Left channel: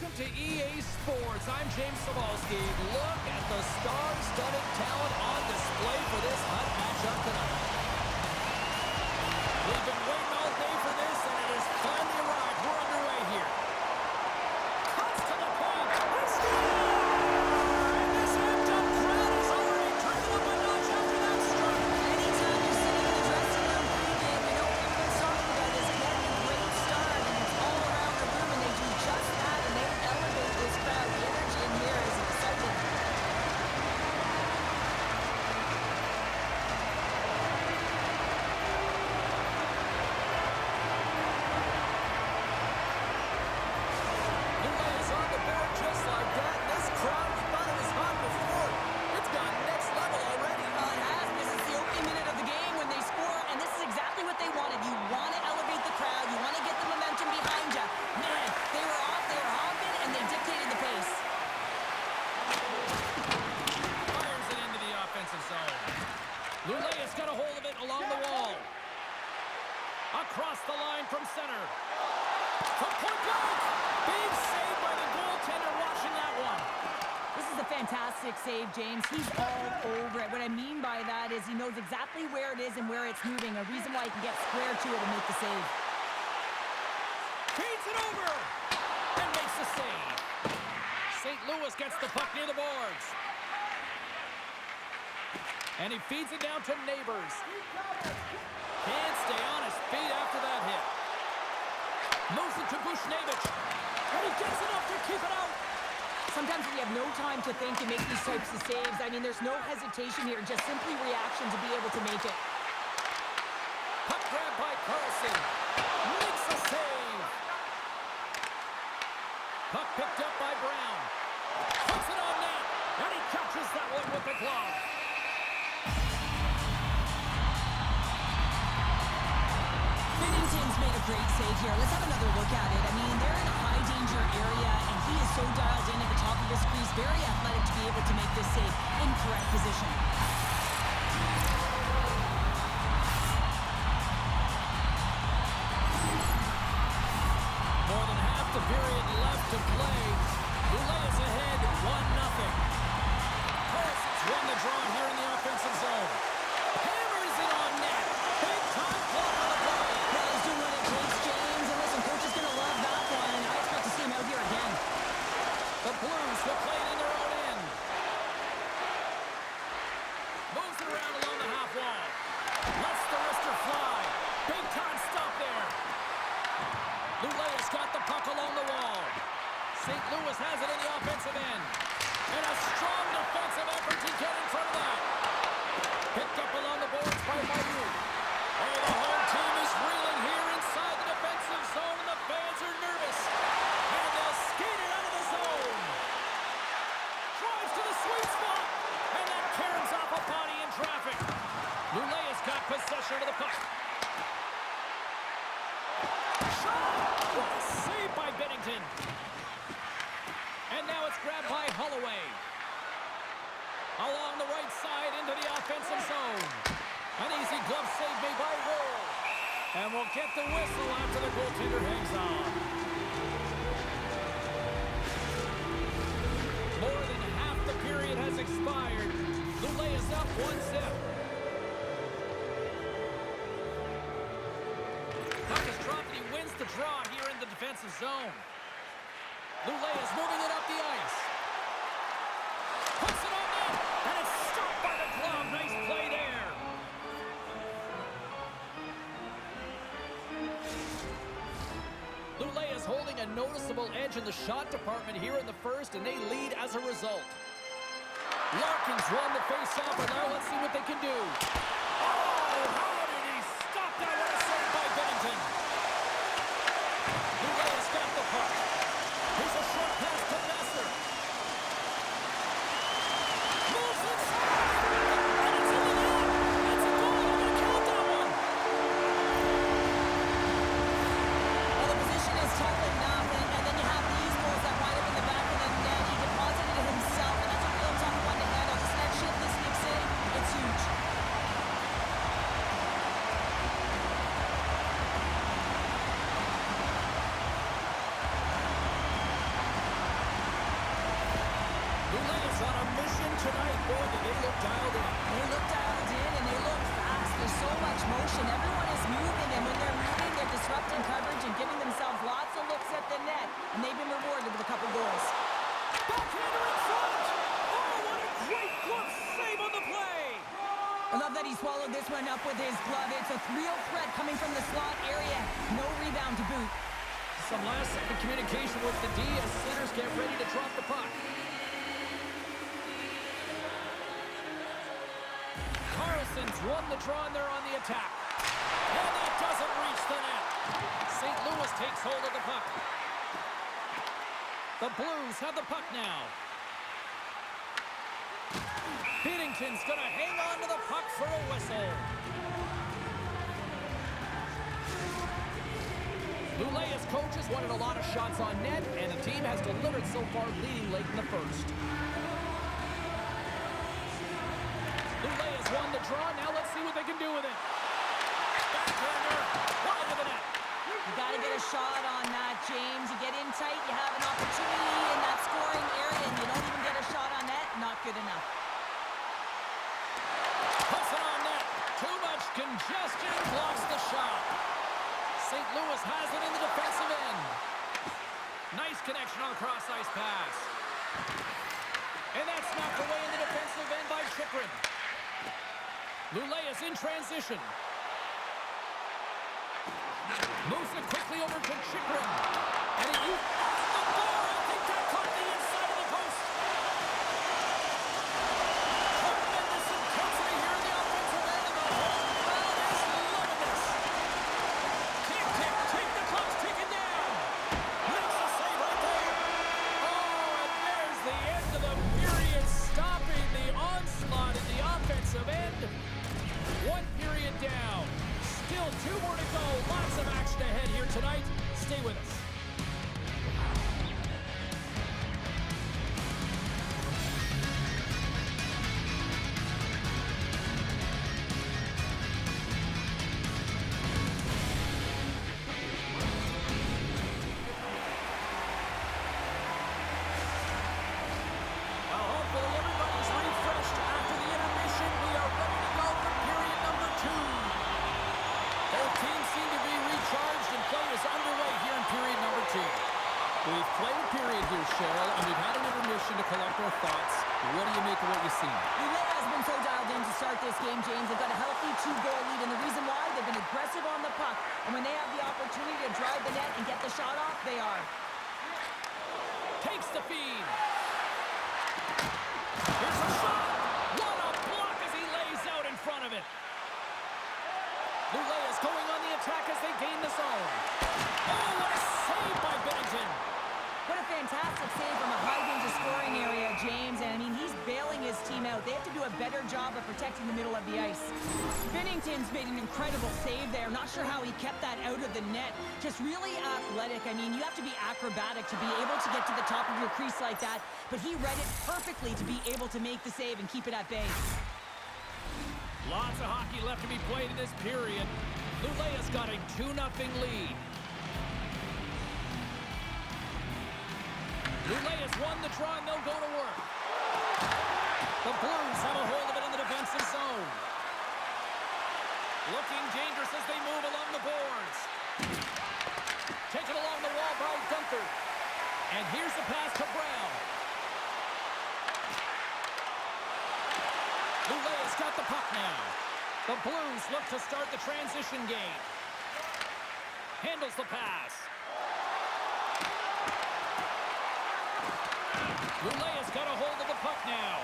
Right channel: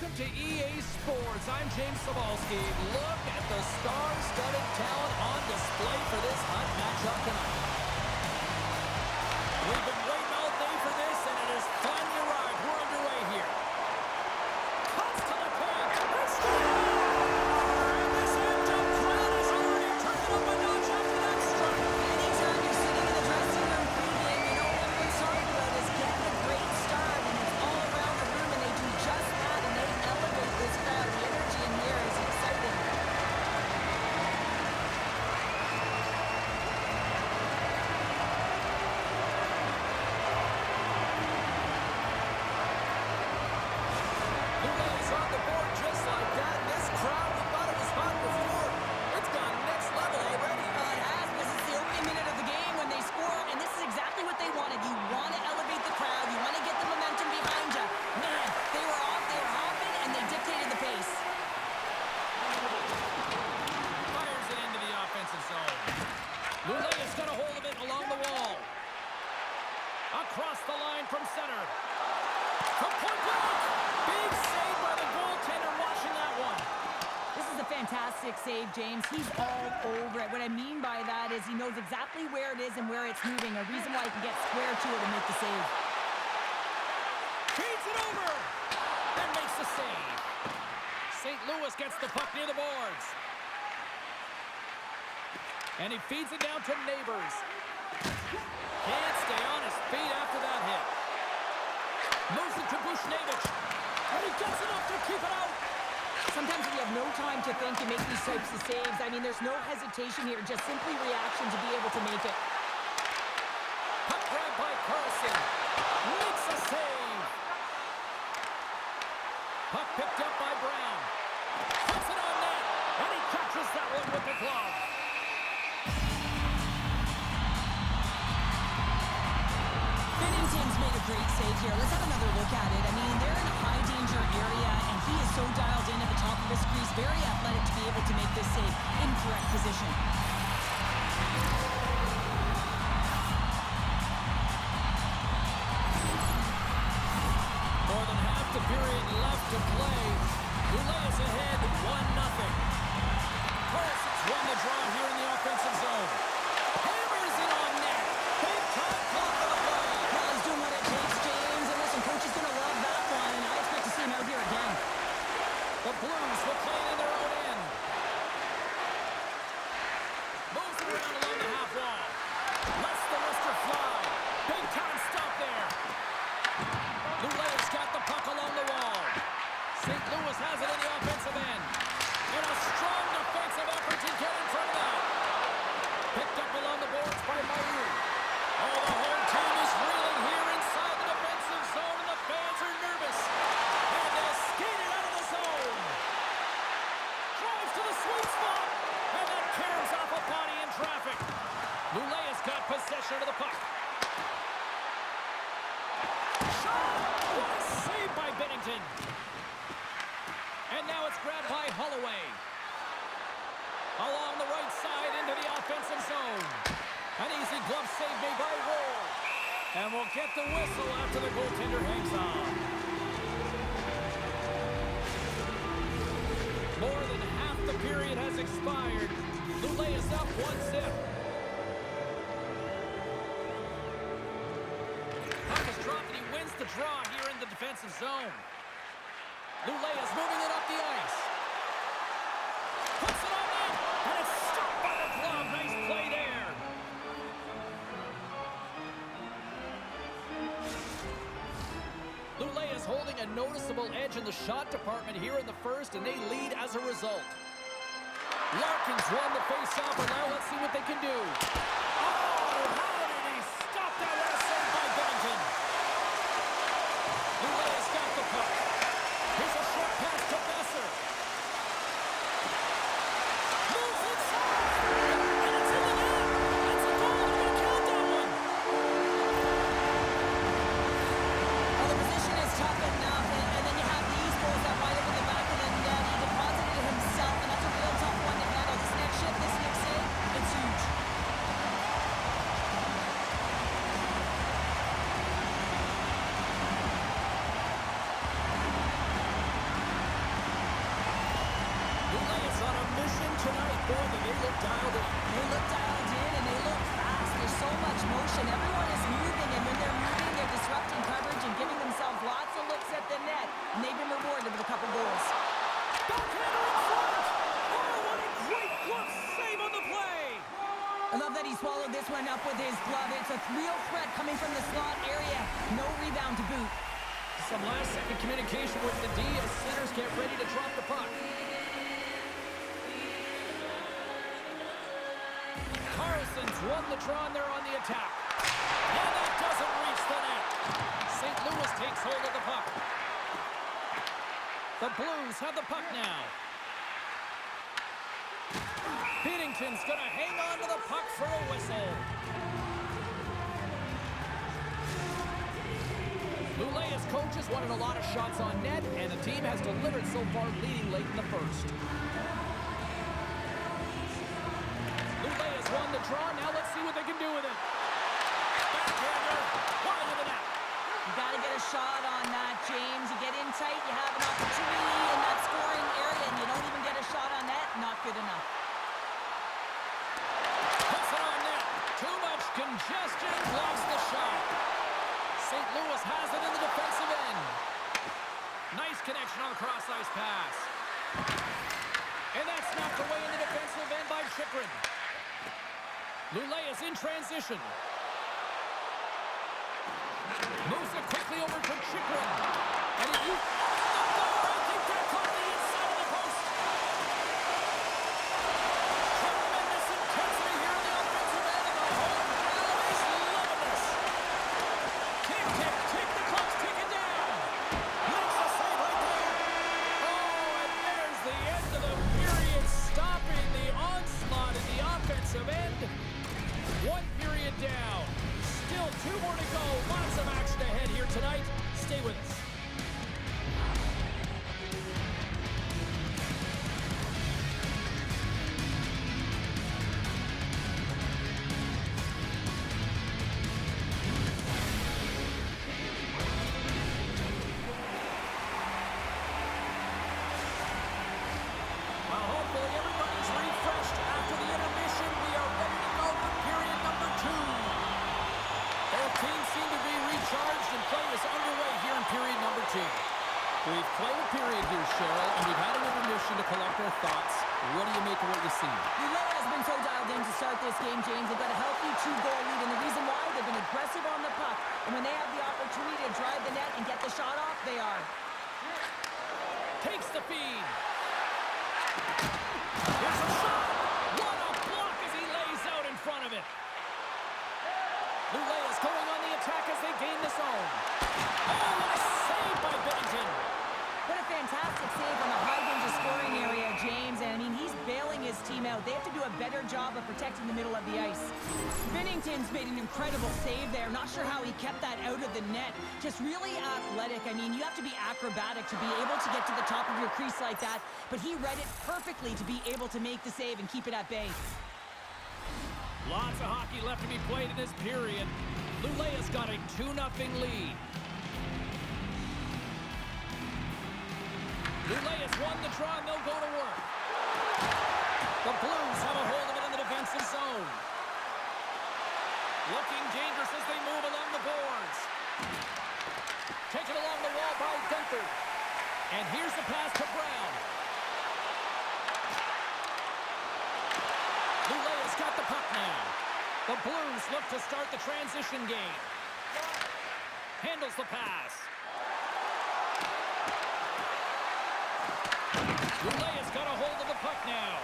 Welcome to EA Sports. I'm James Cebulski. Look at the star-studded talent on display for this hot matchup tonight. We've been waiting all day for this, and it has finally arrived. We're underway here. Cuts to the paint. They score! And this amped-up crowd has already turned it up a notch after that strike. Anytime you're sitting in the dressing room pregame, you know what everyone's talking about is getting a great start, and it's all around the room, and they do just that, and they elevate this crowd. The energy in here is exciting. On the board just like that, and this crowd, we thought it was hot before. It's gone next level already. It has, because it's the opening minute of the game when they score, and this is exactly what they wanted. You want to elevate the crowd. You want to get the momentum behind you. Man, they were off, they were hopping, and they dictated the pace. Fires it into the offensive zone. Lulea's got a hold of it along the wall. Across the line from center. From point blank. Big save by the goaltender watching that one. This is a fantastic save, James. He's all over it. What I mean by that is he knows exactly where it is and where it's moving. A reason why he can get square to it and make the save. Feeds it over and makes the save. St. Louis gets the puck near the boards. And he feeds it down to Neighbors. Can't stay on his feet after that hit. Moves it to Bushnevich. And he gets enough to keep it out. Sometimes when you have no time to think and make these types of saves, I mean, there's no hesitation here, just simply reaction to be able to make it. Puck grab by Carlson. Makes a save. Puck picked up by Brown. Puts it on net. And he catches that one with the glove. Binnington's made a great save here. Let's have another look at it. I mean, they're in a high-danger area, and he is so dialed in at the top of his crease. Very athletic to be able to make this save in correct position. More than half the period left to play. Lulea's ahead 1-0. Carlson's won the draw here in the offensive zone. Hammers it on net. Big time clock on the play. Well, he's doing what it takes, James. And listen, coach is going to love that one. I expect to see him out here again. The Blues will play it in their own end. Moves it around along the half wall. Lets the wrister fly. Big time stop there. Lulea's got the puck along the wall. St. Louis has it in the offensive end. And a strong defensive effort to get in front of that. Picked up along the boards by Mayu. Oh, the home team is reeling here inside the defensive zone, and the fans are nervous. And they'll skate it out of the zone. Drives to the sweet spot. And that caroms off a body in traffic. Lulea's got possession of the puck. Shot! What a save by Binnington. And now it's grabbed by Holloway. Along the right side into the offensive zone. An easy glove save made by Wall. And we'll get the whistle after the goaltender hangs on. More than half the period has expired. Lulea's up 1-0. Puck is dropped and he wins the draw here in the defensive zone. Lulea's moving it up the ice. Puts it on net, and it's stopped by the glove. Nice play there. Lulea's holding a noticeable edge in the shot department here in the first, and they lead as a result. Larkin's won the face-off, and now let's see what they can do. Oh, how did he stop that? What a save by Binnington. Lulea's got the puck. Here's a short pass to Besser. Moves inside. And it's in the net. That's a goal. They're going to count that one. Well, the position is tough enough, and then you have these goals that wind up in the back of the net. He deposited it himself, and that's a real tough one to handle. This next shift, this next save, it's huge. possession tonight. Boy, did they look dialed in. They look dialed in, and they look fast. There's so much motion. Everyone is moving, and when they're moving, they're disrupting coverage and giving themselves lots of looks at the net, and they've been rewarded with a couple goals. Backhander in front! Oh, what a great glove save on the play! I love that he swallowed this one up with his glove. It's a real threat coming from the slot area. No rebound to boot. Some last-second communication with the D as centers get ready to drop the puck. Carlson's won the draw, and they're on the attack. And that doesn't reach the net. St. Louis takes hold of the puck. The Blues have the puck now. Binnington's going to hang on to the puck for a whistle. Lulea's coaches wanted a lot of shots on net, and the team has delivered so far, leading late in the first. Lulea's won the draw. Now let's see what they can do with it. Backhander, wide of the net. You got to get a shot on that, James. You get in tight, you have an opportunity in that scoring area, and you don't even get a shot on net. Not good enough. Puts it on net. Too much congestion, blocks the shot. St. Louis has it in the defensive end. Nice connection on the cross-ice pass. And that's knocked away in the defensive end by Chychrun. Lulea's in transition. Moves it quickly over to Chychrun. And he used the bar. I think that caught the inside of the post. Tremendous intensity here in the offensive end, and the home crowd is loving this. Tick, tick, tick. The clock's ticking down. Makes a save right there. Oh, and there's the end of the period, stopping the onslaught in the offensive end. One period down. Still 2 more to go. Lots of action ahead here tonight. Stay with us. Well, hopefully everybody's refreshed after the intermission. We are ready to go for period number 2. Both teams seem to be recharged, and play is underway here in period number 2. We've played a period here, Cheryl, and we've had an intermission to collect our thoughts. What do you make of what you've seen? Lulea has been so dialed in to start this game, James. They've got a healthy 2-goal lead, and the reason why, they've been aggressive on the puck. And when they have the opportunity to drive the net and get the shot off, they are. Takes the feed. Here's a shot. What a block as he lays out in front of it. Lulea's going on the attack as they gain the zone. Oh, what a save by Binnington. What a fantastic save from a high-danger scoring area, James. And, I mean, he's bailing his team out. They have to do a better job of protecting the middle of the ice. Binnington's made an incredible save there. Not sure how he kept that out of the net. Just really athletic. I mean, you have to be acrobatic to be able to get to the top of your crease like that. But he read it perfectly to be able to make the save and keep it at bay. Lots of hockey left to be played in this period. Lulea's got a 2-0 lead. Lulea's won the draw, and they'll go to work. The Blues have a hold of it in the defensive zone. Looking dangerous as they move along the boards. Taken along the wall by Gunther. And here's the pass to Brown. Lulea's got the puck now. The Blues look to start the transition game. Handles the pass. Lulea's got a hold of the puck now.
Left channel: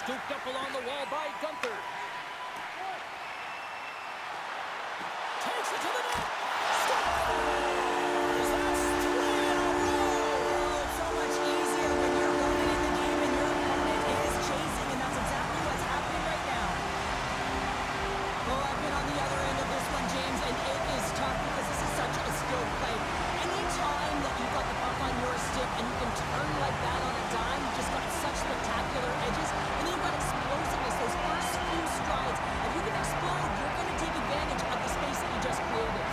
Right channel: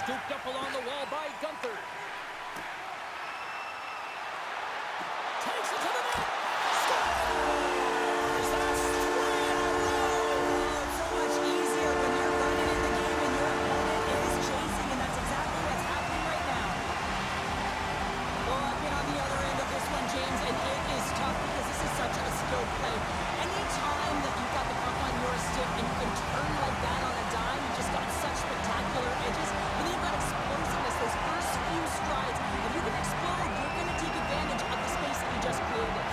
Scooped up along the wall by Gunther. Takes it to the net. Scores! That's 3 in a row! Oh, it's so much easier when you're running in the game and your opponent is chasing, and that's exactly what's happening right now. Oh, I've been on the other end of this one, James, and it is tough because this is such a skilled play. Anytime that you've got the puck on your stick and you can turn like that on a dime, you've just got such spectacular edges, and then you've got explosiveness, those first few strides. If you can explode, you're going to take advantage of the space that you just created.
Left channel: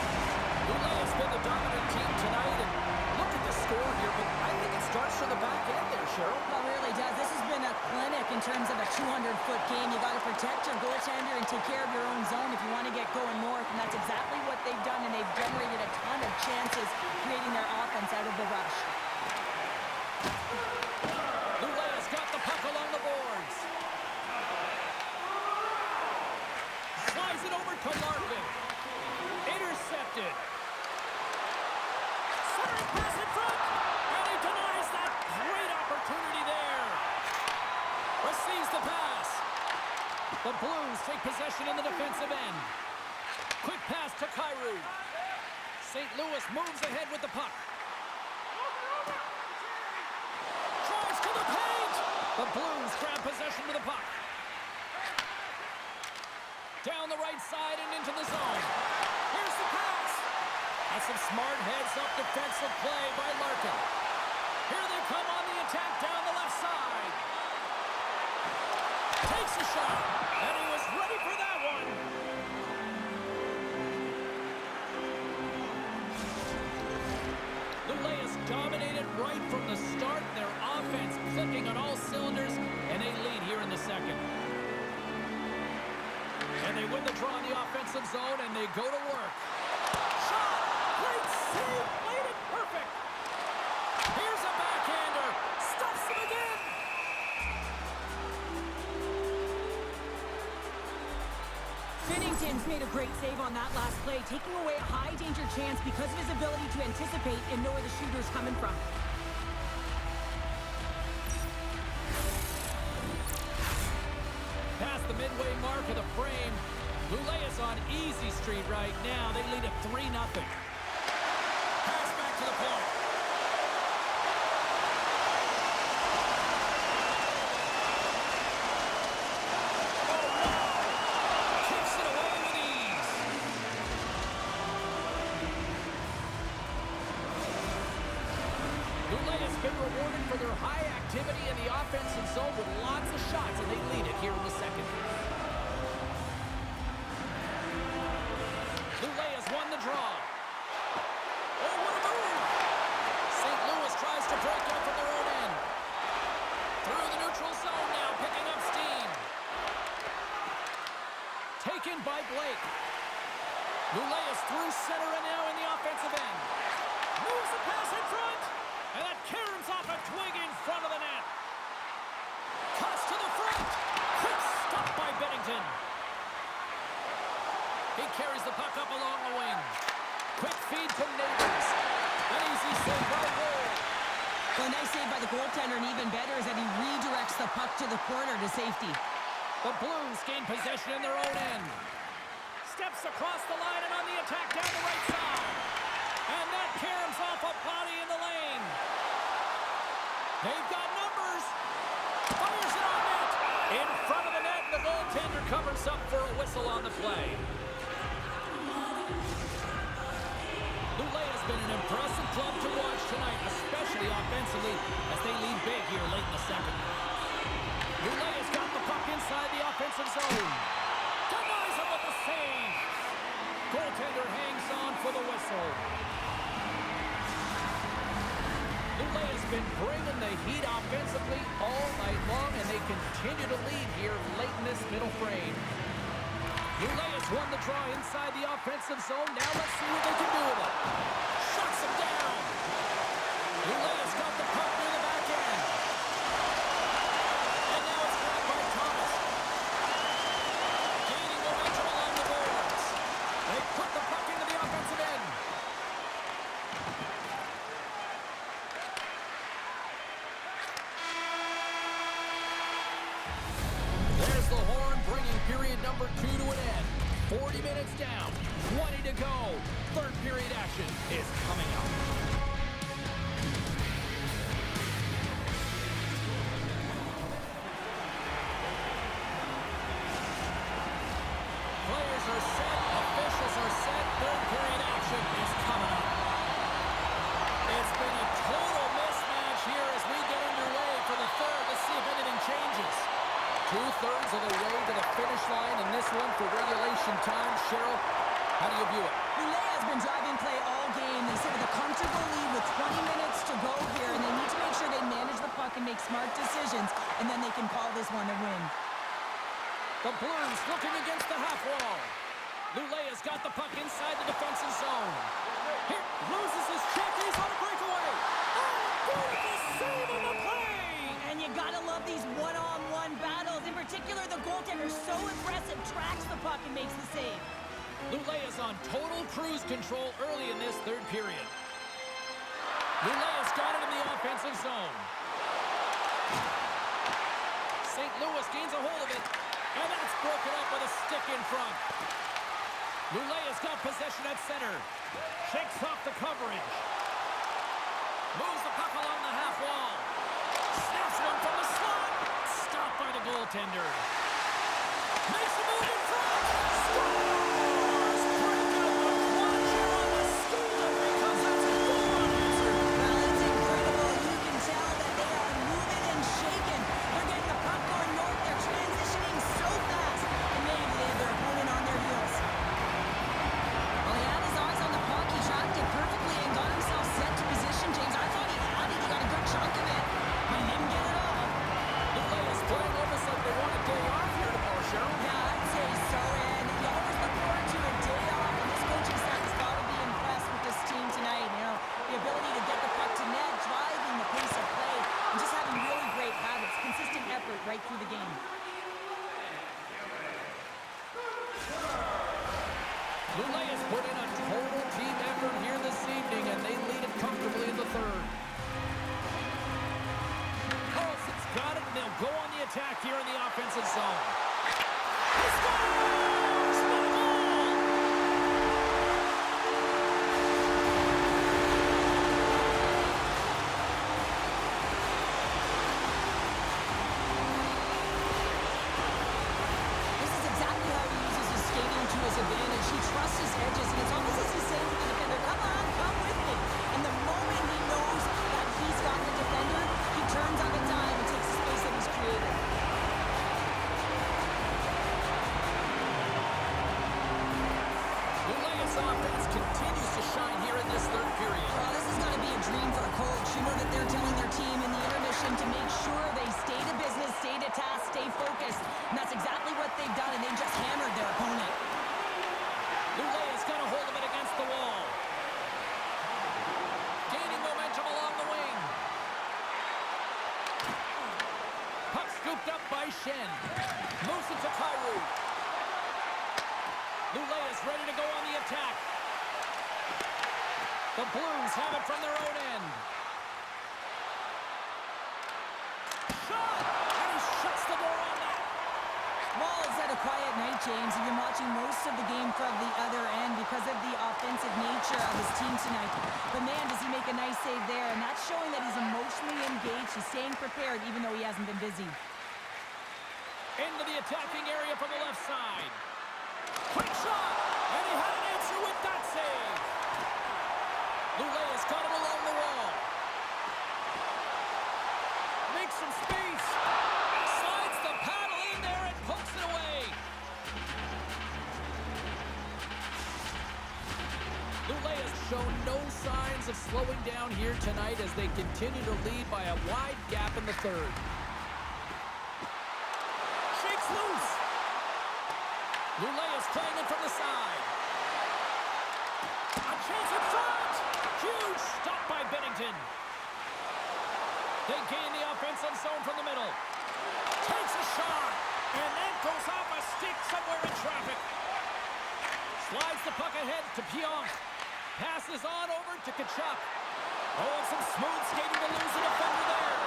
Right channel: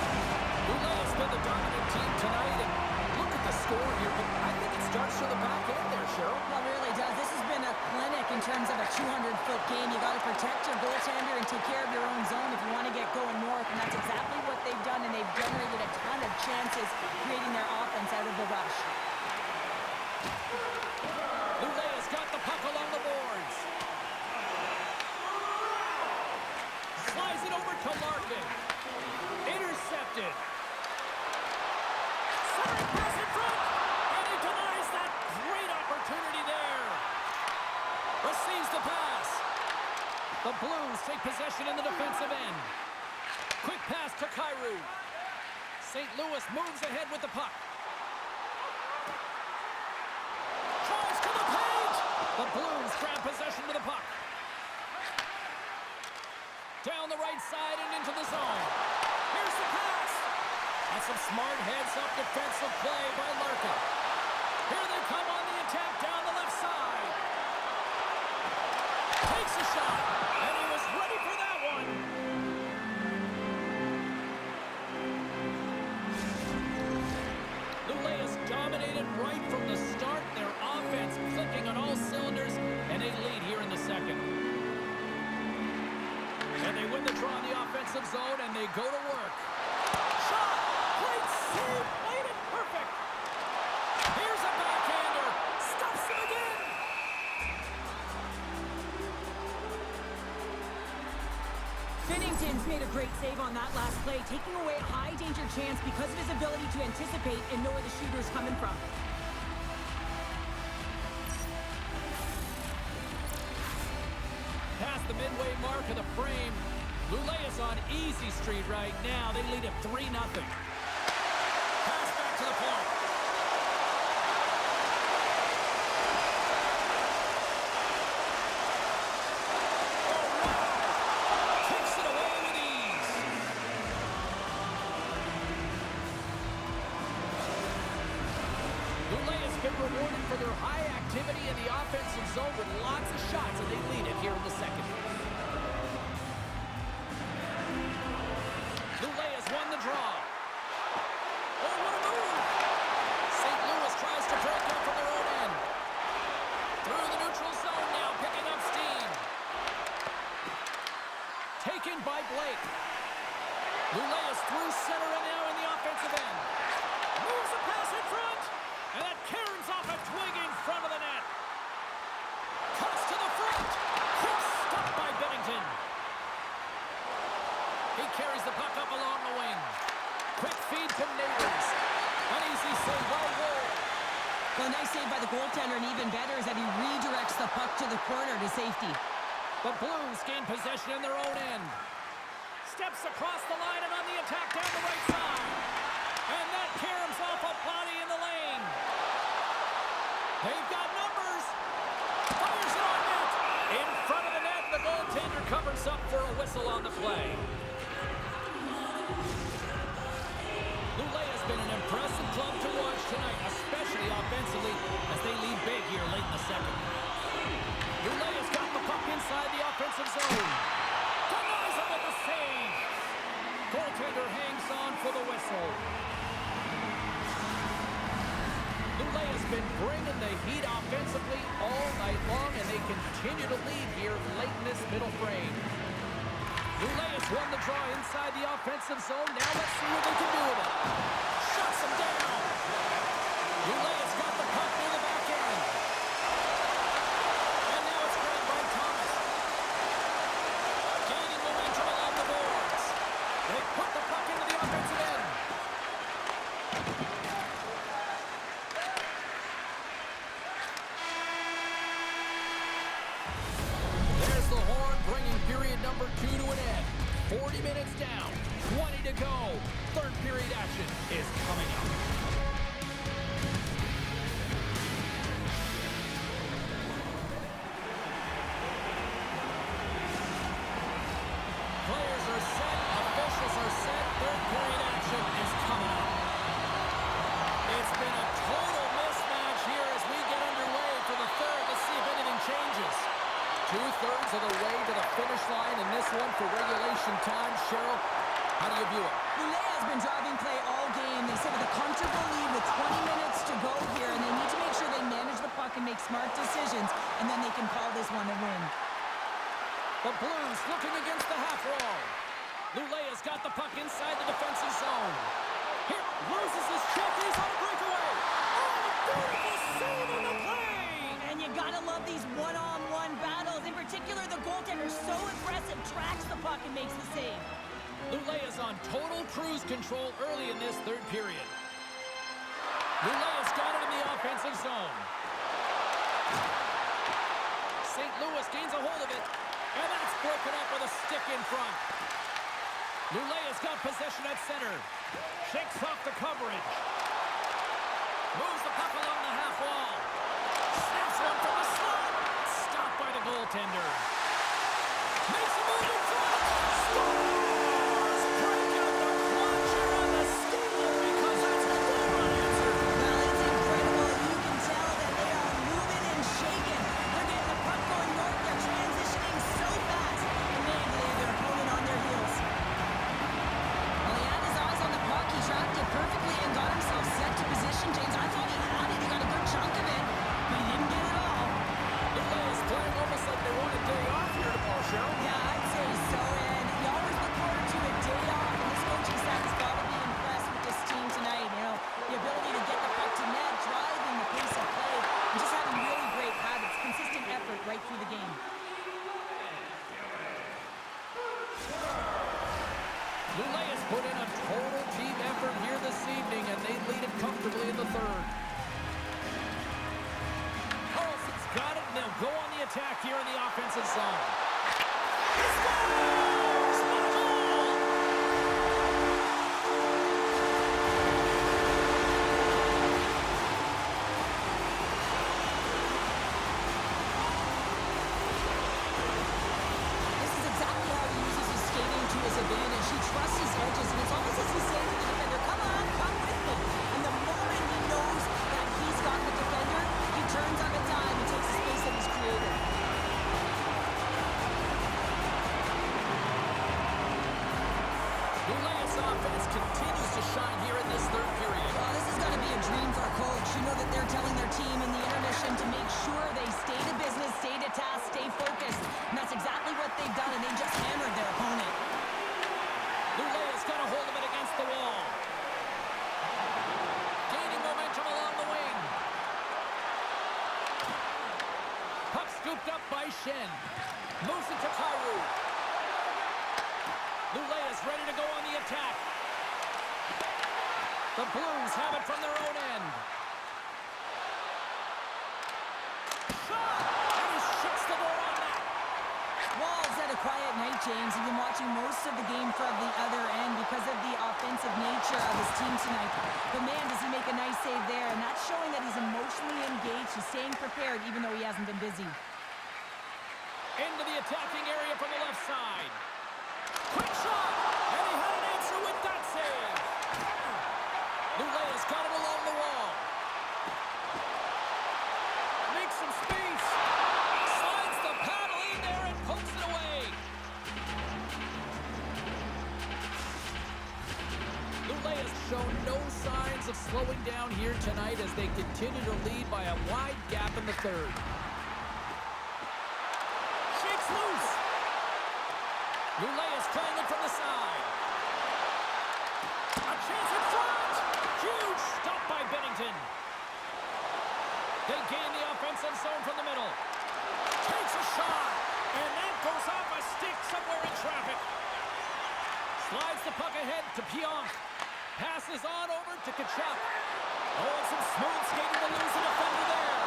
Lulea's been the dominant team tonight, and look at the score here, but I think it's starting the back end there, Cheryl. Well, it really does. This has been a clinic in terms of a 200-foot game. You got to protect your goaltender and take care of your own zone if you want to get going north, and that's exactly what they've done, and they've generated a ton of chances creating their offense out of the rush. Lulea's got the puck along the boards. Slides it over to Larkin. Intercepted. Centering pass in front. And he denies that great opportunity there. Receives the pass. The Blues take possession in the defensive end. Quick pass to Kyrou. St. Louis moves ahead with the puck. Drives to the paint. The Blues grab possession to the puck. Down the right side and into the zone. Here's the pass. That's some smart heads-up defensive play by Larkin. Here they come on the attack down the left side. Takes a shot, and he was ready for that one. Lulea's dominated right from the start. Their offense clicking on all cylinders, and they lead here in the second. And they win the draw in the offensive zone, and they go to work. Shot! Great save! Played it perfect! Here's a backhander! Stops him again! Binnington's made a great save on that last play, taking away a high-danger chance because of his ability to anticipate and know where the shooter's coming from. Past the midway mark of the frame. Lulea's on easy street right now. They lead at 3-0. Pass back to the point. Oh, wow! Kicks it away with ease. Lulea's been rewarded for their high activity in the offensive zone with lots of shots, and they lead it here in the second. Lulea's won the draw. Oh, what a move! St. Louis tries to break up from their own end. Through the neutral zone now, picking up steam. Taken by Blake. Lulea's through center and now in the offensive end. Moves the pass in front. And that caroms off a twig in front of the net. Cuts to the front. Quick stop by Binnington. He carries the puck up along the wing. Quick feed to Neighbors. An easy save by Ward. Well, a nice save by the goaltender, and even better is that he redirects the puck to the corner to safety. The Blues gain possession in their own end. Steps across the line and on the attack down the right side. And that caroms off a body in the lane. They've got numbers. Fires it on net. In front of the net, and the goaltender covers up for a whistle on the play. Lulea's been an impressive club to watch tonight, especially offensively, as they lead big here late in the second. Lulea's got the puck inside the offensive zone. Denies him with the save. Goaltender hangs on for the whistle. Lulea's been bringing the heat offensively all night long, and they continue to lead here late in this middle frame. Lulea's won the draw inside the offensive zone. Now let's see what they can do with it. Shuts them down. Lulea's got the puck near the back end. And now it's grabbed by Thomas. Gaining momentum along the boards. They put the puck into the offensive end. There's the horn, bringing period number 2 to an end. 40 minutes down, 20 to go. Third period action is coming up. Players are set, officials are set. Third period action is coming up. It's been a total mismatch here as we get underway for the third. Let's see if anything changes. 2/3 of the way to the finish line in this one for regulation time. Cheryl, How do you view it? Lulea has been driving play all game. They sit with a comfortable lead with 20 minutes to go here, and they need to make sure they manage the puck and make smart decisions, and then they can call this one a win. The Blues looking against the half wall. Lulea's got the puck inside the defensive zone. Here, loses his check. He's on a breakaway. Oh, beautiful save on the play! And you gotta love these one-on-one battles. In particular, the goaltender, so impressive, tracks the puck and makes the save. Lulea's on total cruise control early in this third period. Lulea's got it in the offensive zone. St. Louis gains a hold of it, and that's broken up with a stick in front. Lulea's got possession at center. Shakes off the coverage. Moves the puck along the half wall. Snaps one from the slot. Stopped by the goaltender. Makes a move in front. Scores! Break out the clutch here on the stealer because that's a goal unanswered. Well, it's incredible. You can tell that they are moving and shaking. They're getting the puck going north. They're transitioning so fast. And man, do they have their opponent on their heels. Well, he had his eyes on the puck. He tracked it perfectly and got himself set to position, James. I thought he had it. He got a good chunk of it, but he didn't get it all. Lulea's playing almost like they want a day off here tomorrow, Cheryl. Yeah, I'd say so. And you always look forward to a day off, and this coaching staff has got to be impressed with this team tonight. You know, the ability to get the puck to net, driving the pace of play, and just having really great habits, consistent effort right through the game. Lulea's put in a total team effort here this evening, and they lead it comfortably in the third. Carlson's got it, and they'll go on the attack here in the offensive zone. He scores! What a goal! This is exactly how he uses his skating to his advantage. He trusts his edges, and it's almost as he's saying to the defender, come on, come with me. And the moment he knows that he's got the defender, he turns on a dime and takes the space that he's created. Lulea's offense continues to shine here in this third period. Well, this is going to be a dream for a coach. You know that they're telling their team in the intermission to make sure they stay to business, stay to task, stay focused. And that's exactly what they've done, and they just hammered their opponent. Lulea's got a hold of it against the wall. Gaining momentum along the wing. Puck scooped up by Shen. Moves it to Kyrou. Lulea's ready to go on the attack. The Blues have it from their own end. Shot! And he shuts the door on that. Wall's had a quiet night, James. He's been watching most of the game from the other end because of the offensive nature of his team tonight. But man, does he make a nice save there. And that's showing that he's emotionally engaged. He's staying prepared even though he hasn't been busy. Into the attacking area from the left side. Quick shot! And he had an answer with that save. Lulea's got it along the wall. Makes some space. Slides the paddle in there and pokes it away. Lulea's shown no signs of slowing down here tonight as they continue to lead by a wide gap in the third. Shakes loose. Lulea's playing it from the side. A chance in front. Huge stop by Bennington. They gain the offensive zone from the middle. Takes a shot. And that goes off a stick somewhere in traffic. Slides the puck ahead to Pionk. Passes on over to Kachuk. Oh, and some smooth skating to lose the defender there.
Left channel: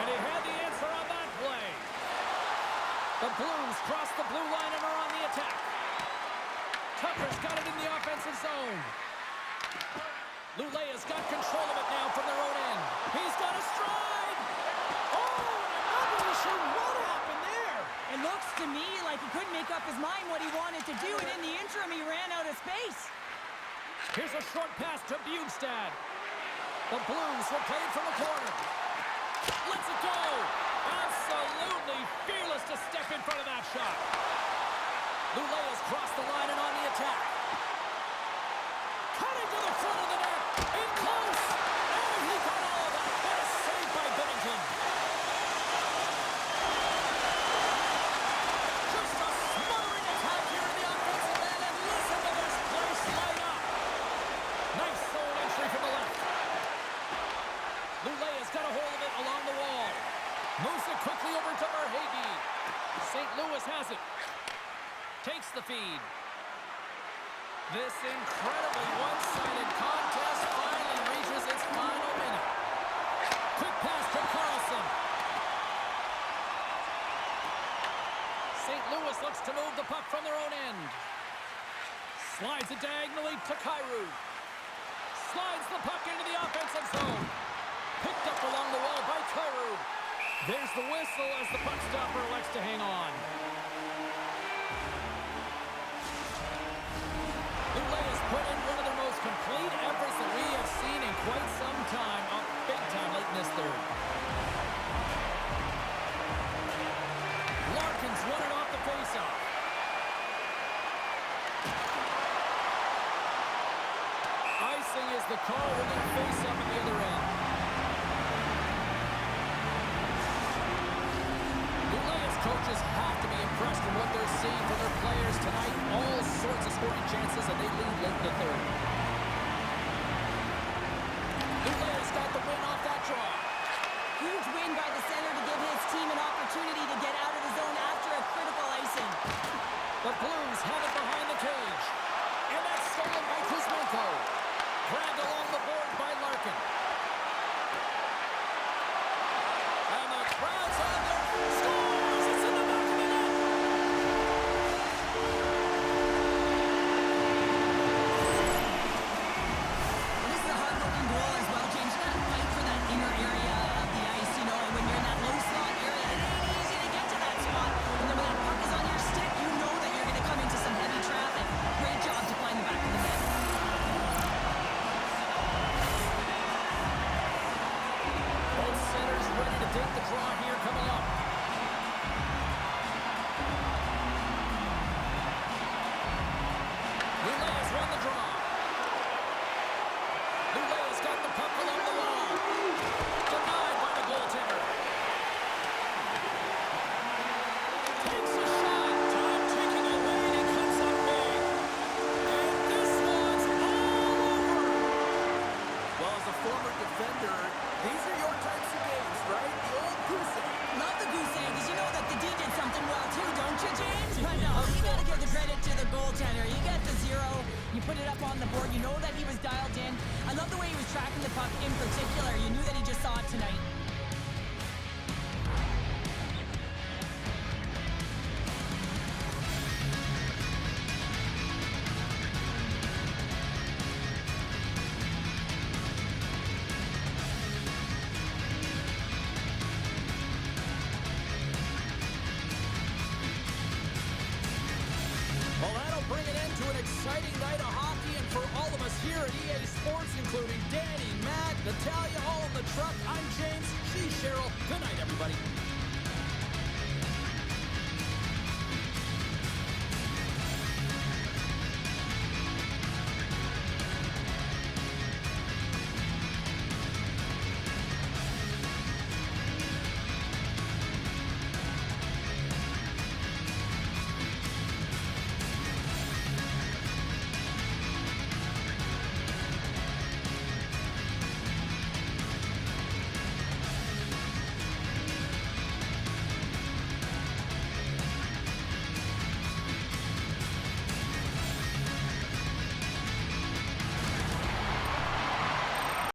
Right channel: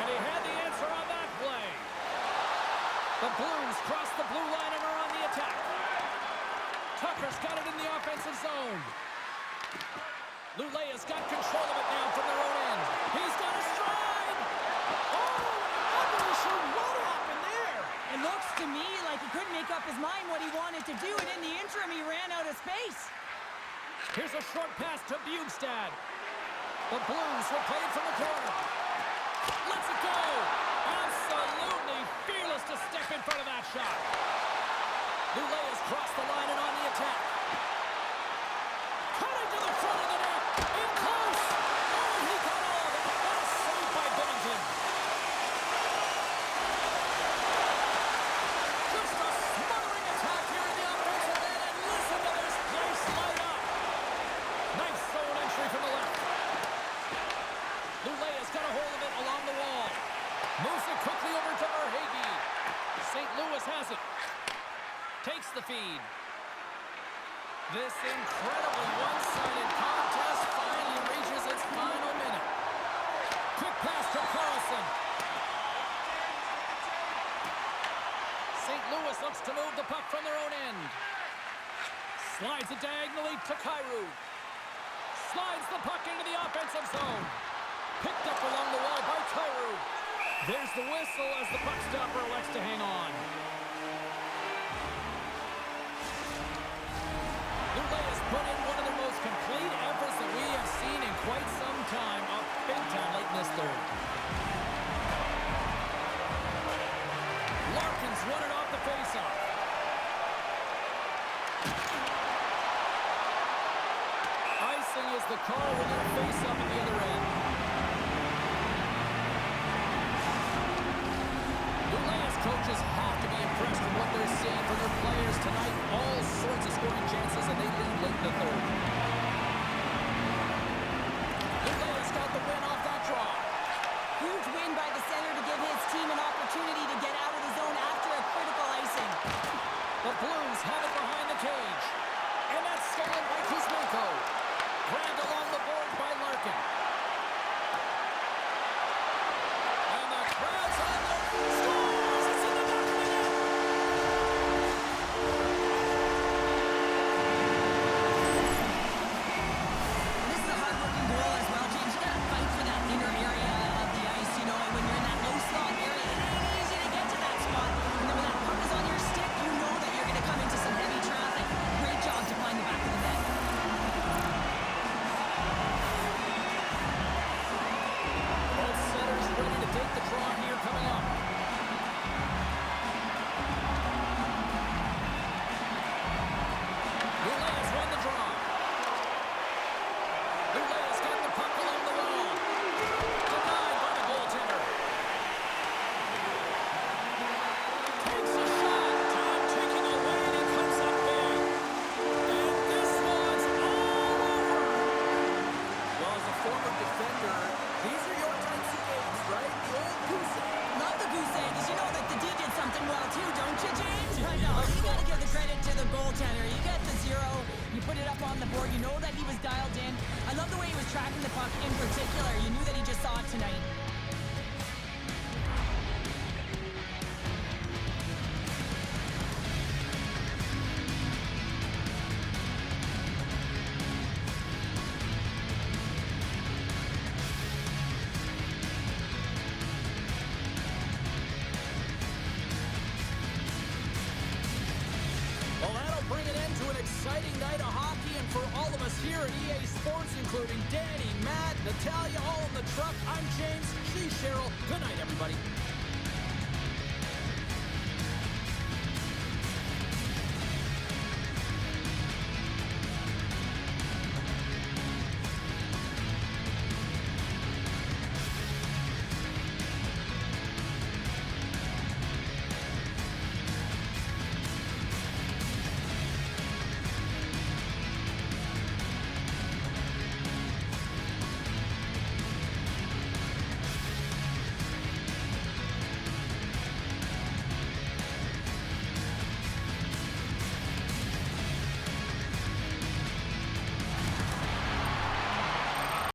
And he had the answer on that play. The Blues cross the blue line and are on the attack. Tucker's got it in the offensive zone. Lulea's got control of it now from their own end. He's got a stride. Oh, and I'm not really sure what happened there. It looks to me like he couldn't make up his mind what he wanted to do, and in the interim, he ran out of space. Here's a short pass to Bjugstad. The Blues will play it from the corner. Lets it go. Absolutely fearless to step in front of that shot. Lulea's crossed the line and on the attack. to the front of the net. In close. Oh, he got all of that. What a save by Binnington. Just a smothering attack here in the offensive end, and listen to this place light up. Nice zone entry from the left. Lulea's got a hold of it along the wall. Moves it quickly over to Verhaeghe. St. Louis has it. Takes the feed. This incredibly one-sided contest finally reaches its final minute. Quick pass to Carlson. St. Louis looks to move the puck from their own end. Slides it diagonally to Kyrou. Slides the puck into the offensive zone. Picked up along the wall by Kyrou. There's the whistle as the puck stopper elects to hang on. Lulea's put in one of their most complete efforts that we have seen in quite some time, up big time late in this third. Larkin's won it off the faceoff. Icing is the call. We're going to face up at the other end. Lulea's coaches have to be impressed with what they're seeing from their players tonight. All sorts of scoring chances, and they lead late in the third. Lulea's got the win off that draw. Huge win by the center to give his team an opportunity to get out of the zone after a critical icing. The Blues have it behind the cage. And that's stolen by Kuzmenko. Grabbed along the board by Larkin. And the crowd's on there. Scores! It's in the back of the net! Well, this is a hard-working goal as well, James. You got to fight for that inner area of the ice, you know, and when you're in that low slot area, it ain't easy to get to that spot. And then when that puck is on your stick, you know that you're going to come into some heavy traffic. Great job to find the back of the net. Both centers ready to take the draw here coming up. Lulea's won the draw. Lulea's got the puck along the wall. Denied by the goaltender. Takes a shot. Time ticking away, and he comes up big. And this one's all over. Well, as a former defender, these are your types of games, right? The old goose egg. Love the goose egg, because you know that the D did something well too, don't you, James? I know. You got to give the credit to the goaltender. You get the 0, you put it up on the board, you know that he was dialed in. I love the way he was tracking the puck in particular. You knew that he just saw it tonight. Well, that'll bring an end to an exciting night of hockey, and for all of us here at EA Sports, including Danny, Matt, Natalia, all in the truck, I'm James, she's Cheryl. Good night, everybody.